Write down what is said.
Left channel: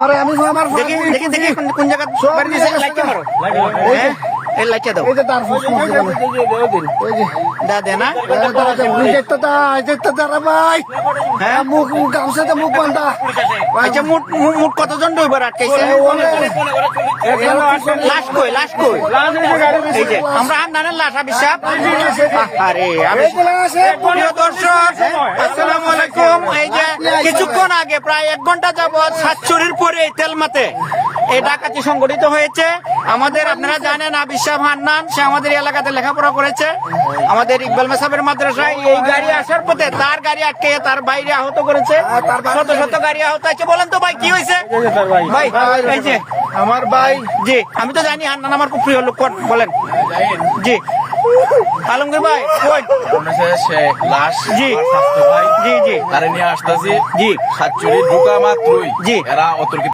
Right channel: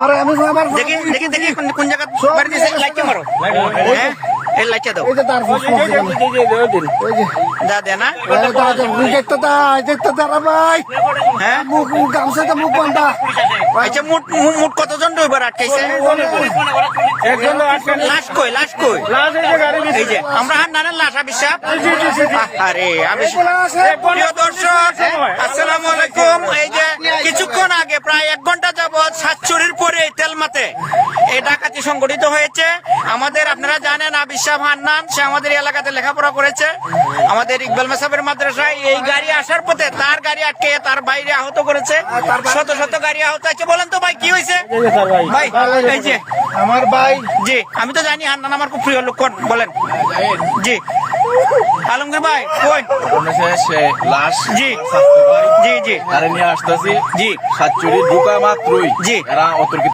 আরে আমি আমার দেখি দেখি দেখি কোন জায়গা বাড়ি দিয়েছে লাইটটা মারো হ্যাঁ এই লাইটটা দাও এই যে তার ওই যে দা দে না দেখতে দাঁড়া ভাই হ্যাঁ মুখ গামছাতে মুখ বান্ধা আচ্ছা মুট মুট কতজন ড্রাইভার আটকাইছে লাশ কই এই যে আমরা হান্নানের লাশ আবিসাব আরে আমি প্রিয় দর্শক আসসালামু আলাইকুম এই যে কিছুক্ষণ আগে প্রায় 1 ঘন্টা যাবত সাতচুরির পরে তেলমাতে এই ডাকাতি সংগঠিত হয়েছে আমাদের আপনারা জানেন আবিসাব হান্নান সে আমাদের এলাকাতে লেখাপড়া করেছে আমাদের ইকবাল মেসাবের মাদ্রাসায় এই গাড়ি আসার পথে তার গাড়ি আটকে তার বাইরে আহত করেছে শত শত গাড়ি আহত আছে বলেন তো ভাই কি হয়েছে ভাই এই যে আমার ভাই জি আমি তো জানি হান্নান আমার খুব প্রিয় লোক বলেন জি আলমগীর ভাই কই লাশ জি স্বাস্থ্য ভাই জি জি তারা নিয়ে আসতেছি জি সাতচুরি ঢুকা মাত্রই জি এরা অতর্কিত